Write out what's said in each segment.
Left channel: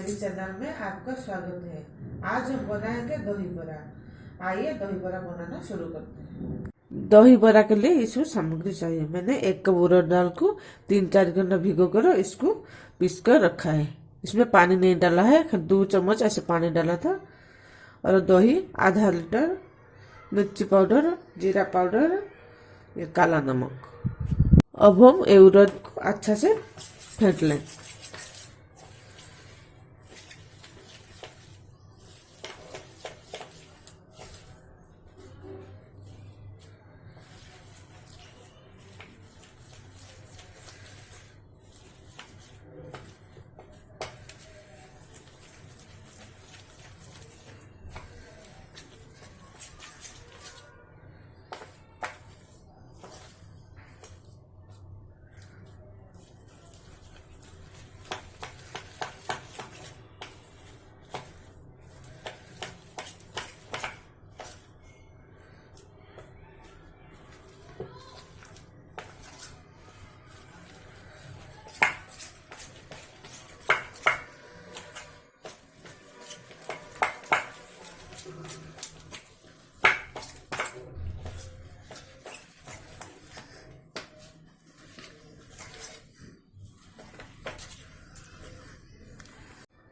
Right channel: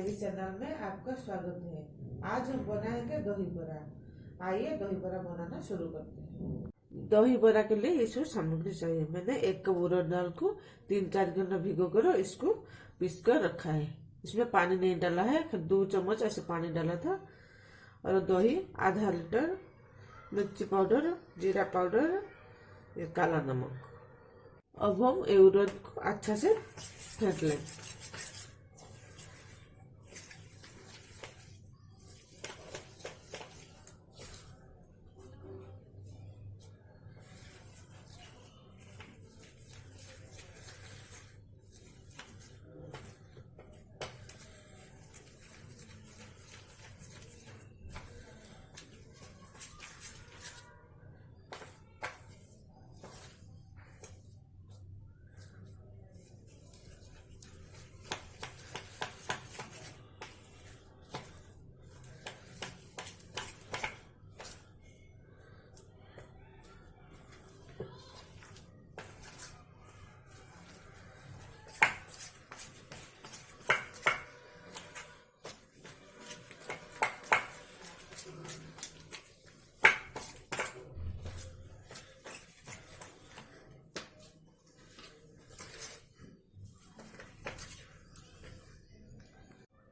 मेरी चैनल में आपका स्वागत है। आज हम बनाएंगे दही बड़ा। आइए दही बड़ा बनाना शुरू करते हैं। दही बड़ा के लिए इसमें सामग्री चाहिए। मैंने 1 कप उड़द दाल को 3-4 घंटा भिगो कर इसको पीस कर रखा है। इसमें पानी नहीं डाला है, 2 चम्मच ऐसे पानी डाला था। और दही आधा लीटर, मिर्ची पाउडर, जीरा पाउडर, ये काला नमक। अब हम ये उड़द को अच्छा से फेंट लें।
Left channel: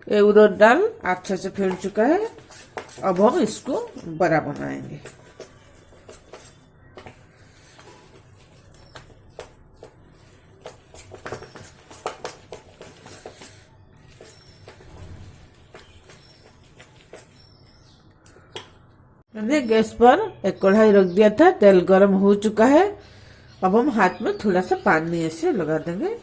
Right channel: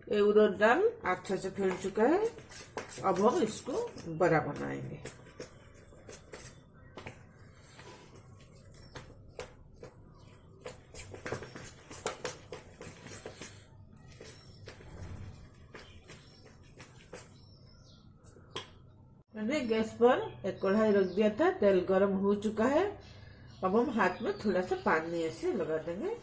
ये उड़द दाल अच्छे से फेंट चुका है। अब हम इसको बड़ा बनाएंगे। मैंने गैस पर एक कढ़ाई रख दिया था, तेल गरम हो चुका है। अब हम हाथ में थोड़ा सा पानी ऐसे लगा देंगे।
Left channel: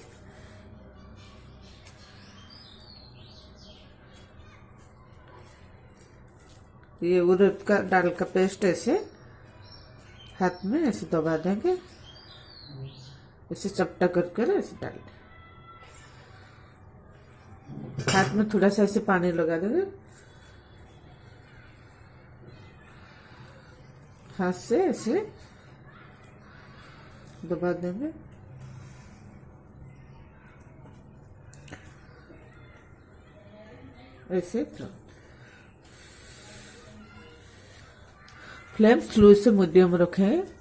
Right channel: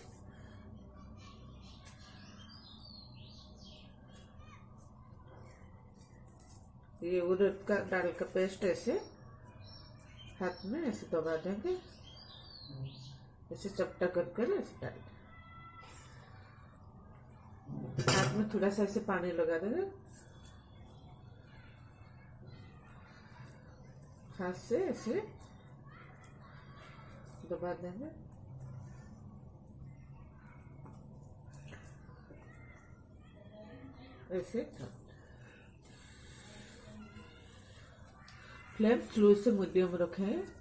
ये उड़द का दाल का पेस्ट ऐसे हाथ में ऐसे दबा देंगे, ऐसे चपटा कर ऐसे डाल देंगे। हाथ में थोड़ा सा ऐसे पानी लगा देंगे, हाथ से ऐसे दबा देंगे। ऐसे फ्लेम स्लो से मीडियम रखें।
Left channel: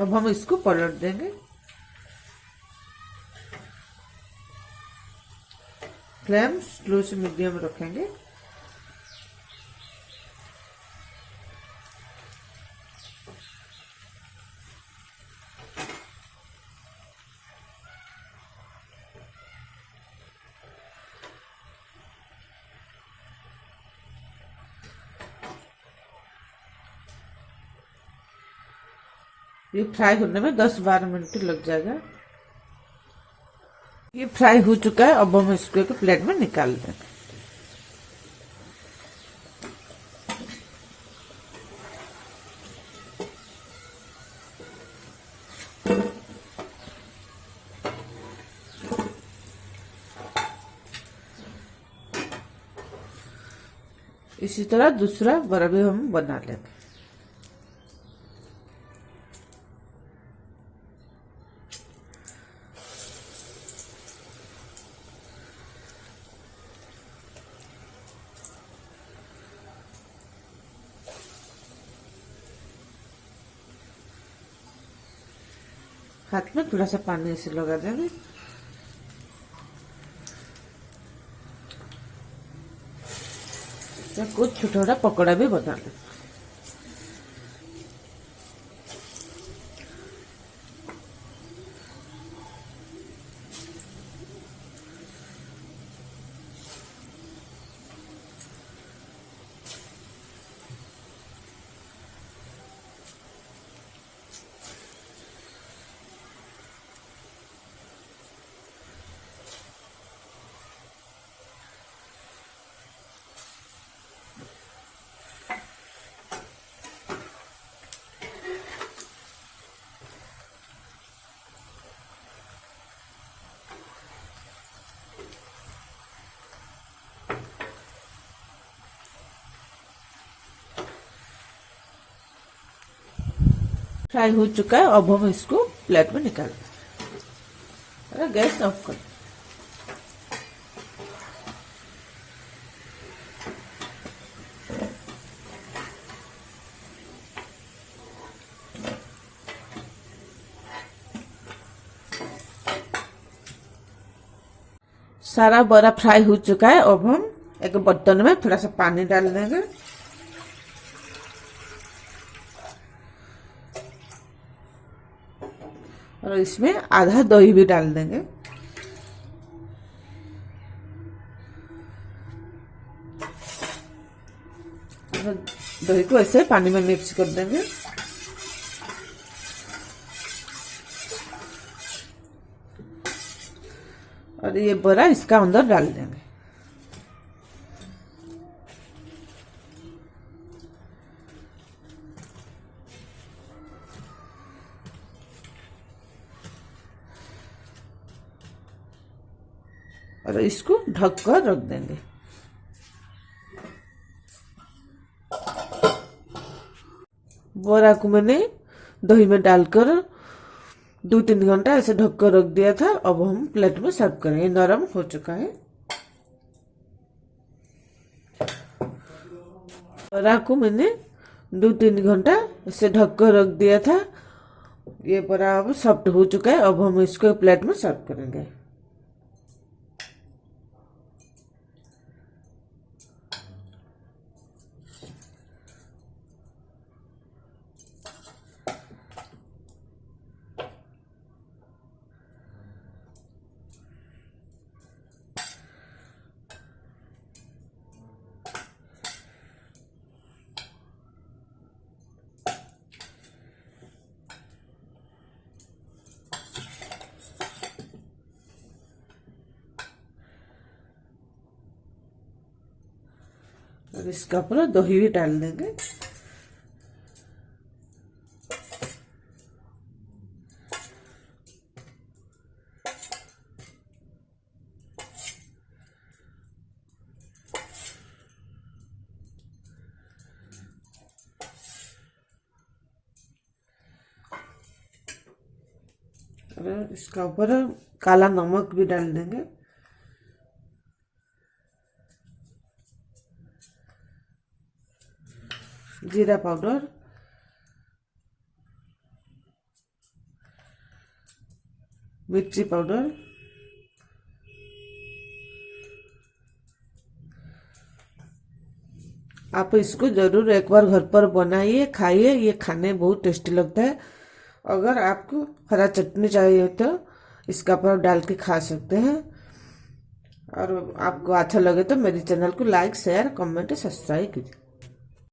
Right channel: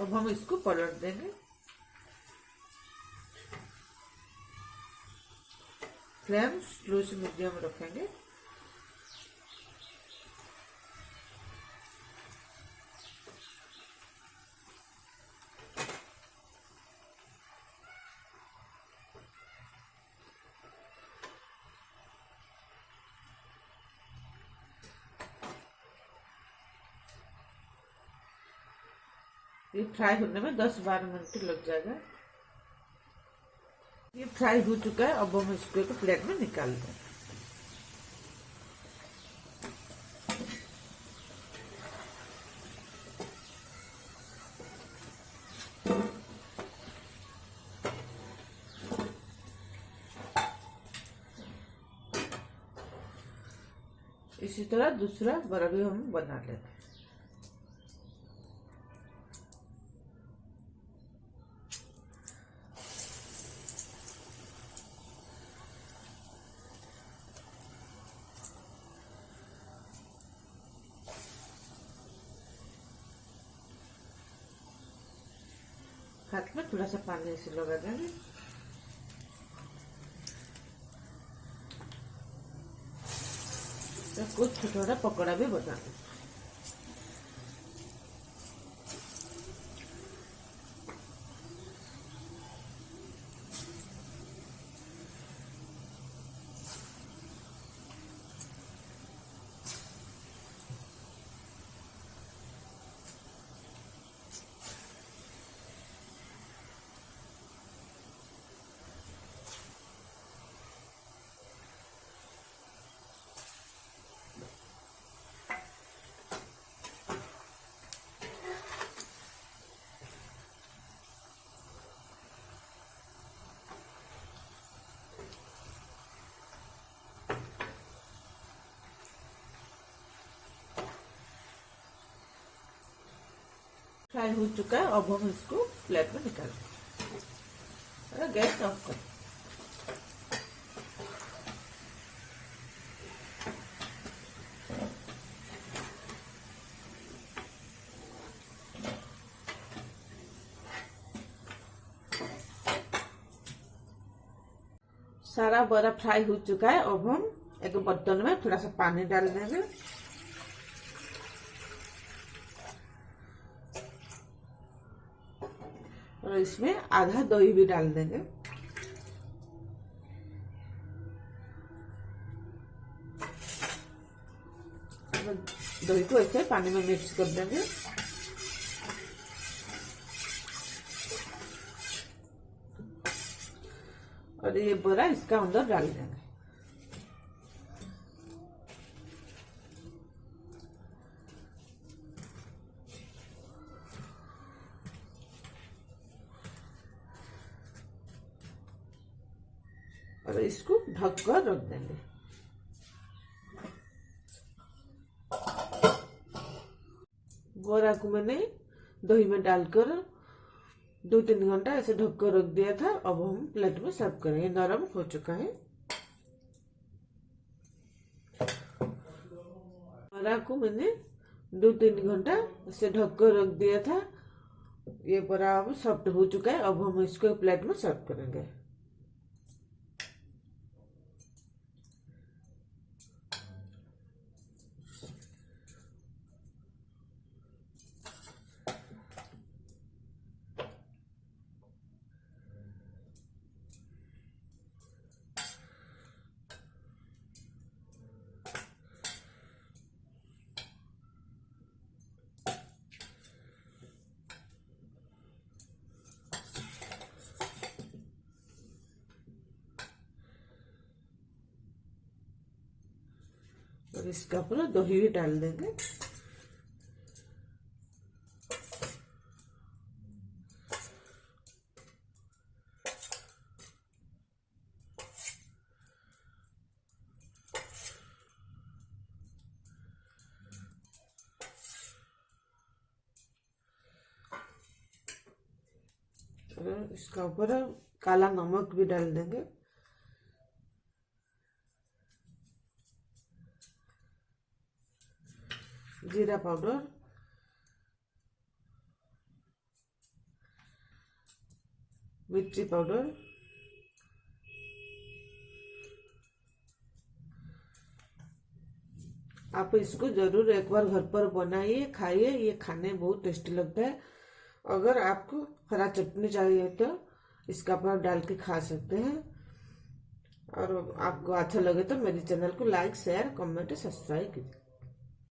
अब हम इसको पलट देंगे। फ्लेम स्लो से मीडियम रखेंगे। ये फ्राई होने में 10-12 मिनट लग जाएगा। ये फ्राई हो चुका है। अब हम इसको एक प्लेट में निकाल देंगे। इसी तरह दूसरा बड़ा भी हम बना लेंगे। हाथ में थोड़ा सा पानी ऐसे लगा देंगे। तो कुछ छोटा छोटा पकौड़ा भी बना लें। फ्राई हो चुका है, अब हम इसको प्लेट में निकालेंगे। गैस ऑफ कर। सारा बड़ा फ्राई हो चुका है, अब हम एक बर्तन में थोड़ा सा पानी डाल देंगे। और इसमें आधा दही भी डाल देंगे। दही को ऐसे पानी में मिक्स कर देंगे। और ये बड़ा इसका अंदर डाल देंगे। और इसको ढक कर रख देंगे। बोरा को मैंने दही में डालकर 2-3 घंटा ऐसे ढक कर रख दिया था। अब हम प्लेट में सर्व करेंगे। नरम हो चुका है। बोरा को मैंने 2-3 घंटा ऐसे ढक कर रख दिया था। ये बोरा अब सॉफ्ट हो चुका है। अब हम इसको प्लेट में सर्व करेंगे। और इसका ऊपर दही भी डाल देंगे। और इसका ऊपर काला नमक भी डाल देंगे। जीरा पाउडर, मिर्ची पाउडर, आप इसको जरूर एक बार घर पर बनाइए, खाइए। ये खाने बहुत टेस्टी लगता है। अगर आपको हरा चटनी चाहिए तो इसका पर डाल के खा सकते हैं। और आपको अच्छा लगे तो मेरे चैनल को लाइक, शेयर, कमेंट, सब्सक्राइब कीजिए।